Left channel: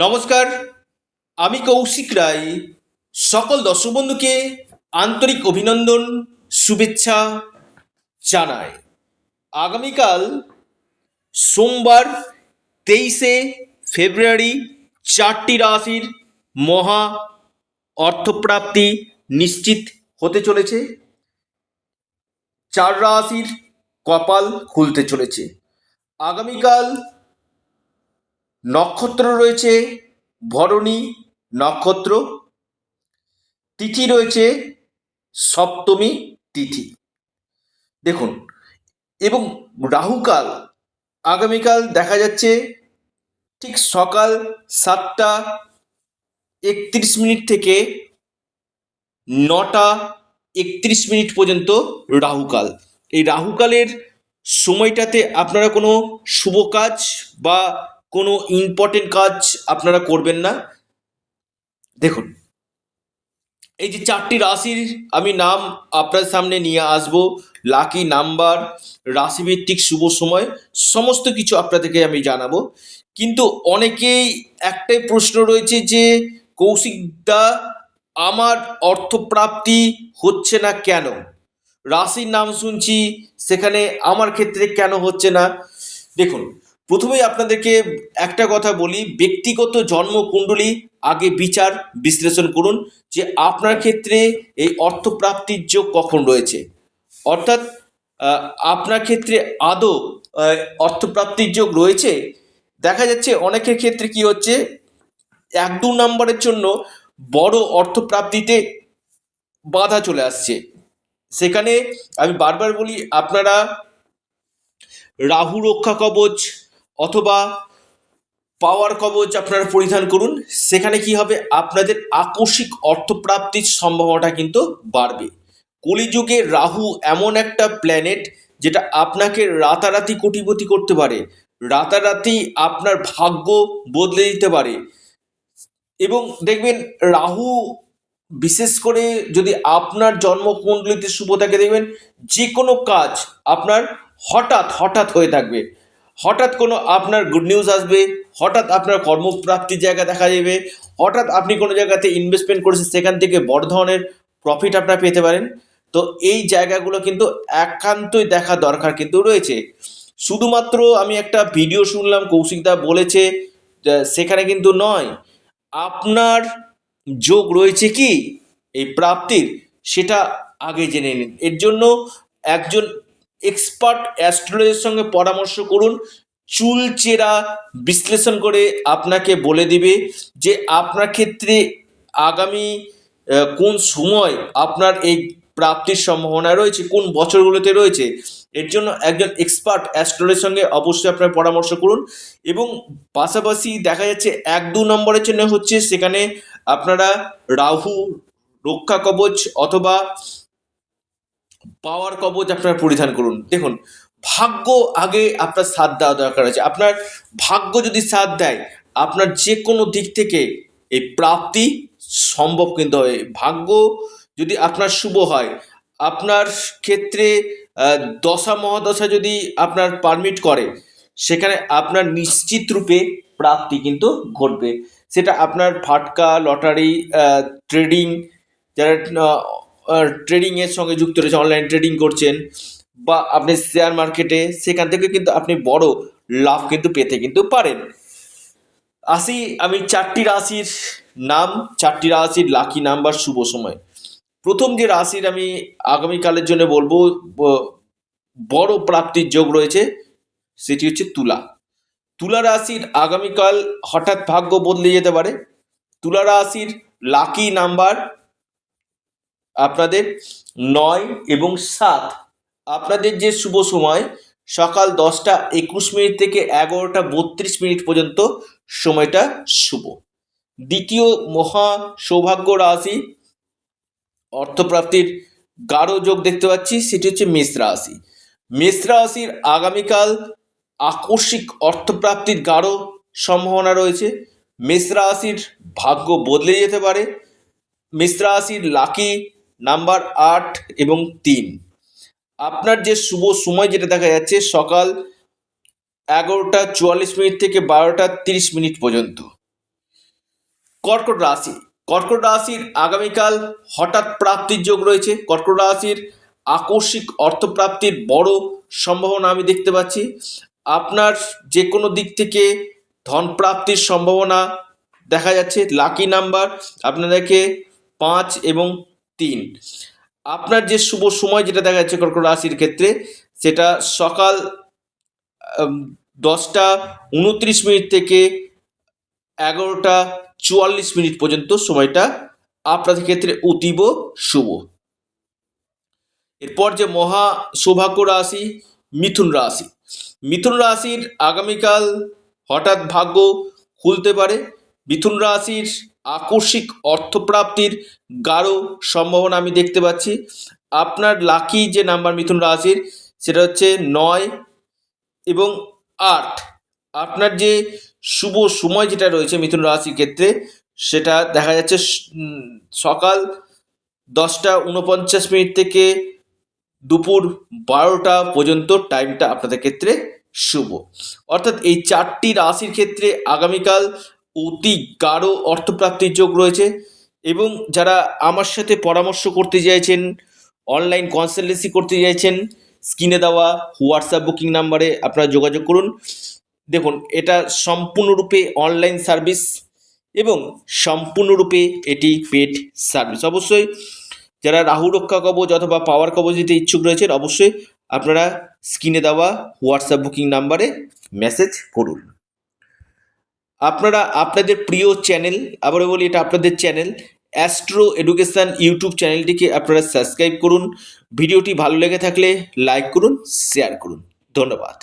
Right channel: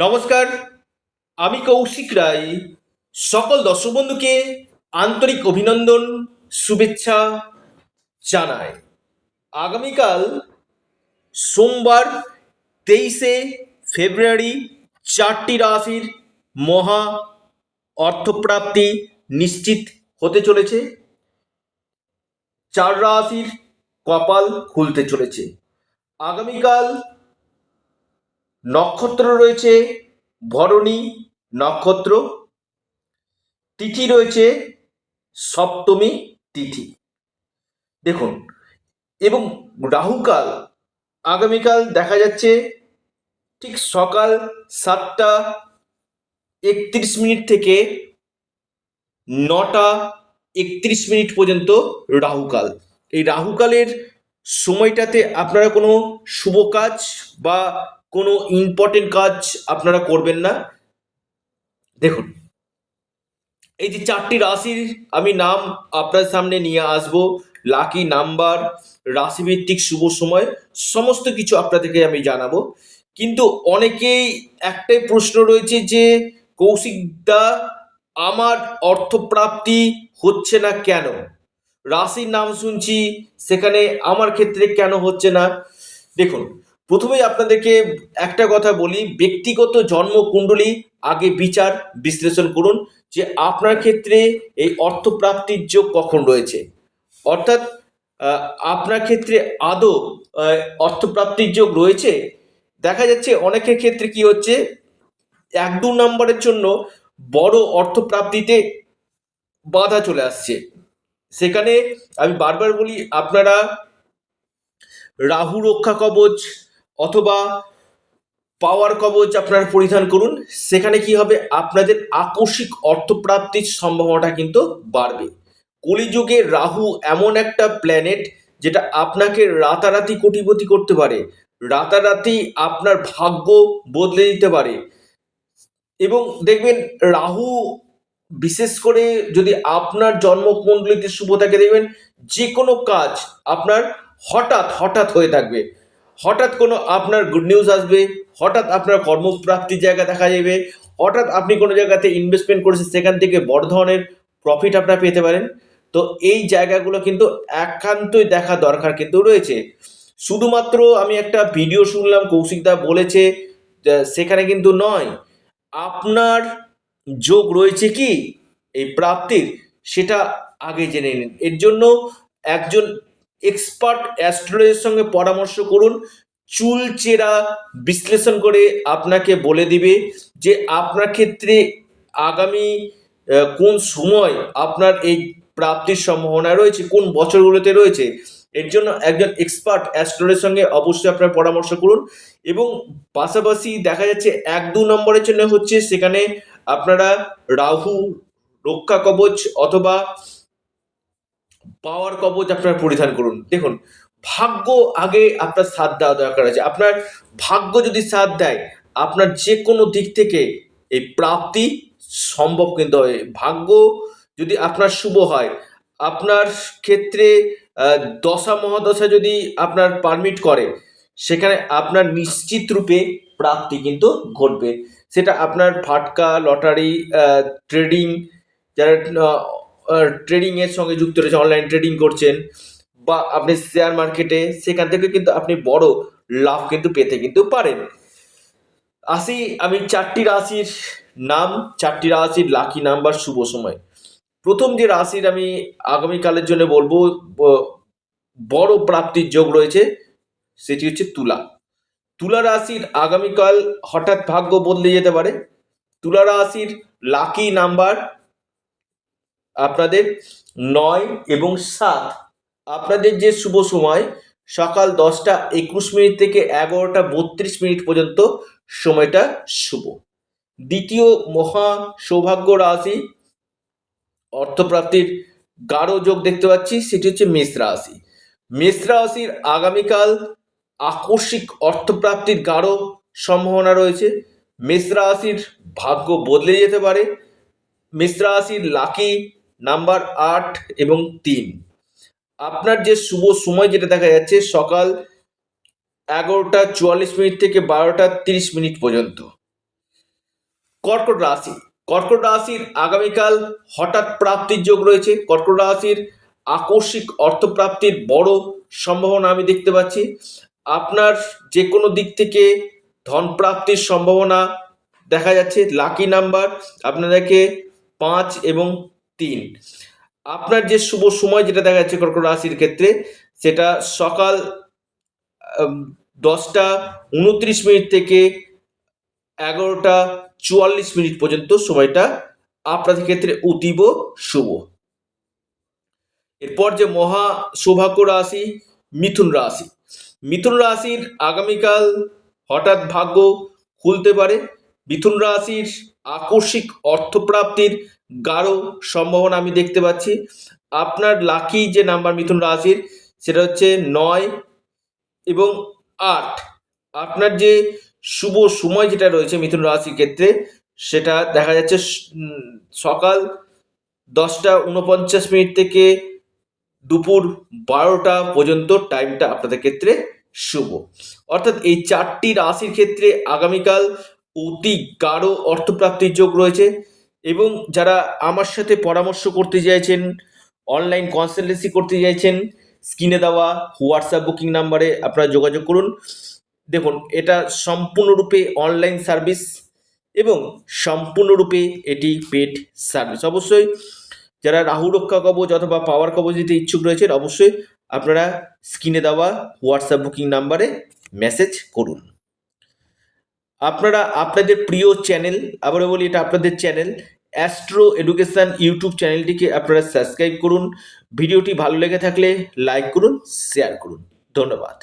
নমস্কার, আমি কৌশিক রায়। সকল দর্শক বন্ধুকে আন্তরিক অভিনন্দন, শুভেচ্ছা জানাই। আগামীকাল সোমবার 23শে ফেব্রুয়ারি 4টি রাশির মহা অর্থপ্রাপ্তি নিশ্চিত হতে চলেছে। 4 রাশির কপাল খুলতে চলেছে। আগামীকাল নক্ষত্র রয়েছে ভরণী নক্ষত্র, তিথি রয়েছে সপ্তমী তিথি। দেখুন, এবং রাহুকাল আগামীকাল দেখা যাচ্ছে ঠিক সকাল 7টা 31 মিনিট থেকে 9টা 31 মিনিট পর্যন্ত রাহুকাল। এই রাহুকালের সময়টাতে আপনারা কোনো শুভ কাজ বা কোনো ইম্পর্টেন্ট কাজ আপনারা করবেন না। দেখুন, এই যে 4টি রাশির আমি নাম আপনার সামনে নিয়ে আসব, লাকি নাম্বার, রাশিভিত্তিক শুভ সময়, সমস্ত কিছু আপনাদেরকে আমি জানাবো। কিন্তু অনেকেই একটাই প্রশ্ন রয়েছে যে কৌশিক দা, আমার অর্থপ্রাপ্তি হচ্ছে না কেন? রাশির নাম শুনছি, সেখানে আমার ক্ষেত্রে কেন হচ্ছে না? দেখুন, প্রথমেই আপনাদেরকে একটা কথা বলি, ব্যক্তিগত জন্মকুণ্ডলী আগে বিচার বিশ্লেষণ করুন যে আপনার ক্ষেত্রে এই অর্থপ্রাপ্তির যোগ কখন রয়েছে। অর্থাৎ আহ, আপনার ক্ষেত্রে আদৌ অর্থপ্রাপ্তির যোগ রয়েছে। দেখা যাচ্ছে অনেকের ক্ষেত্রে কি হচ্ছে, 1-2 নম্বরের জন্য বড় অর্থপ্রাপ্তিতে বাধা চলে আসছে। সেখানে আমি বারবার বলি, আপনারা রাহু রক্ষা কবচ অথবা পাওয়ার কবচ আপনারা পরিধান করুন। সেখানে কি হবে, আপনাদের আকস্মিক অর্থপ্রাপ্তির সম্ভাবনাটা কিন্তু বাড়বে। কলিযুগে রাহু এমন একটা প্ল্যানেট যেটা আপনাকে রাতারাতি কোটিপতি করতে পারে, রাতারাতি আপনার ভাগ্য বদলে দিতে পারে। এবং দেখবেন, রাহু বিশেষ করে যদি আপনার জন্মকুণ্ডলিতে শুভ থাকে, দেখবেন যে কোনো কাজ আপনার হঠাৎ হঠাৎ হয়ে থাকবে। হঠাৎ কোনো আপনার গুড নিউজ আসবে, হঠাৎ আপনার কর্মপ্রাপ্তির জায়গা দেখা যাবে, হঠাৎ আপনি কোনো জায়গাতে ইনভেস্টমেন্ট করেছেন, সেখান থেকে বড় ধরনের প্রফিট আপনারা পেতে পারেন। তো এই জায়গাগুলো কিন্তু একান্তই দেখা দরকার কিন্তু রয়েছে। শুধুমাত্র আমি একটা ভিডিও শুনলাম কৌশিক দা বলেছে, সেখানে কিন্তু নয়। আপনার যোগ রয়েছে কি এই প্রাপ্তির, সেটা আগে জেনে নিন। এর জন্য একজন এক্সপার্ট অ্যাস্ট্রোলজারের সঙ্গে পরামর্শ করুন। চুলচেরা বিশ্লেষণ করে আপনাকে বলে দিবে যে আপনার ক্ষেত্রে আগামী কোন সময় আপনার এই প্রাপ্তির সম্ভাবনা রয়েছে, কোন বছরগুলোতে রয়েছে। এর জন্য একজন এক্সপার্ট অ্যাস্ট্রোলজারের সঙ্গে অবশ্যই আপনার পরামর্শ করুন। এবং পাশাপাশি দেখা যাচ্ছে 1-2 নম্বরের জন্য হচ্ছে, সেখানে আপনারা রাহু রক্ষা কবচ অথবা পাওয়ার কবচ আপনার পরিধান করুন। দেখুন, ভাগ্য আগে আপনার সাথ দেওয়া দরকার আছে। আপনার ভাগ্য যদি সাথ দেয়, আপনার যে কোনো দিক থেকে এই প্রাপ্তি সম্ভব কিন্তু হবে। ভাগ্য যদি আপনার শুভ হয়, আপনার ক্ষেত্রে দশা মহাদশা যদি আপনার পারমিট করে, সেখানে আপনার নিশ্চিত রূপে প্রাপ্তি কিন্তু ঘটবে। সেটা আপনার ফাটকা, লটারি, ট্রেডিং, যারা ট্রেডিংয়ের সঙ্গে যুক্ত রয়েছে, অনলাইন ট্রেডিং করছেন, বা আপনি শেয়ার মার্কেটে, সেখান থেকে কিন্তু আপনি বড় লাভ কিন্তু পেতে কিন্তু পারেন। আসি আমি 4টি রাশির নাম, 4টি রাশির লাকি নাম্বার, শুভ সময়। প্রথম যে রাশির আমি আগামীকালের জন্য বলবো বড় প্রাপ্তির যোগ রয়েছে, সেটি হচ্ছে তুলা। তুলা রাশির আগামীকাল হঠাৎ ভাগ্য বদলে যেতে পারে। তুলা রাশির লাকি নাম্বার আপনাদের 9 এবং 7। আপনাদের যে শুভ সময় সকাল 10টা 21 মিনিট থেকে 11টা 32 মিনিট পর্যন্ত সময়টা শুভ। দ্বিতীয় মহা সৌভাগ্য রাশি, অর্থপ্রাপ্তির গাঢ় যোগ দেখতে পাচ্ছি, সেটি হচ্ছে মেষ রাশি। মেষ রাশির আগামীকাল আকস্মিক অর্থপ্রাপ্তির গাঢ় সম্ভাবনা রয়েছে। মেষ রাশির ভাগ্য বদলে যেতে পারে। মেষ রাশির লাকি নাম্বার 8 এবং 3। আপনার যে শুভ সময় যেটা দেখা যাচ্ছে সকাল 11টা 44 মিনিট থেকে 12টা 30 মিনিট পর্যন্ত। কর্কট রাশি, কর্কট রাশির আগামীকাল হঠাৎ প্রাপ্তির যোগ রয়েছে। কর্কট রাশির আকস্মিক অর্থপ্রাপ্তির বড় সম্ভাবনা আমি দেখতে পাচ্ছি। আপনার যে কোনো দিক থেকে ধন প্রাপ্তির সম্ভাবনা দেখা যাচ্ছে। লাকি নাম্বার আপনাদেরকে 5 এবং 3। আপনার যে শুভ সময় যেটা দেখা যাচ্ছে কর্কট রাশির ক্ষেত্রে, সেটা সকাল 10টা 29 মিনিট থেকে 11টা 44 মিনিট পর্যন্ত সময়টা আপনাদের ক্ষেত্রে অতীব শুভ। এরপর যে মহা সৌভাগ্য রাশি মিথুন রাশি, মিথুন রাশির আগামীকাল হঠাৎ ভাগ্য খুলতে পারে। মিথুন রাশির আকস্মিক অর্থপ্রাপ্তির গাঢ় সম্ভাবনা আমি দেখতে পাচ্ছি। আপনার লাকি যে নাম্বার মিথুন রাশির, সেটা হচ্ছে 9 এবং 8। আপনার যে শুভ সময় যেটা রয়েছে মিথুন রাশির ক্ষেত্রে, সেটা দেখা যাচ্ছে সকাল 10টা 49 মিনিট থেকে দুপুর 12টা পর্যন্ত টাইমটা আপনাদের ক্ষেত্রে শুভ। অর্থাৎ এই 4টি রাশির ক্ষেত্রে আগামীকাল অতি গাঢ় অর্থপ্রাপ্তির যোগ রয়েছে। এবং যারা আমার সাথে পরামর্শ করতে চাইছেন, অনলাইন কনসালটেন্সি করতে চাইছেন, স্ক্রিনে দেওয়া হোয়াটসঅ্যাপ বুকিং নাম্বারে আপনারা যোগাযোগ করুন। দেখুন, এটা সম্পূর্ণরূপে অনলাইন সার্ভিস এবং সম্পূর্ণরূপে এটি পেড সার্ভিস। অবশ্যই যারা রাহু রক্ষা কবচ অথবা পাওয়ার কবচ দিতে ইচ্ছুক রয়েছেন, অবশ্যই আপনারা স্ক্রিনে দেওয়া হোয়াটসঅ্যাপ বুকিং নাম্বারে মেসেজ করুন। আপনারা আপনাদের প্রিয় চ্যানেল, আবারও বলি এটা আপনাদের চ্যানেল অ্যাস্ট্রো এডুকেশন ইউটিউব চ্যানেলটিকে আপনারা সাবস্ক্রাইব করুন। ভিডিওটি ভালো লেগে থাকলে লাইক করুন, শেয়ার করুন। ধন্যবাদ।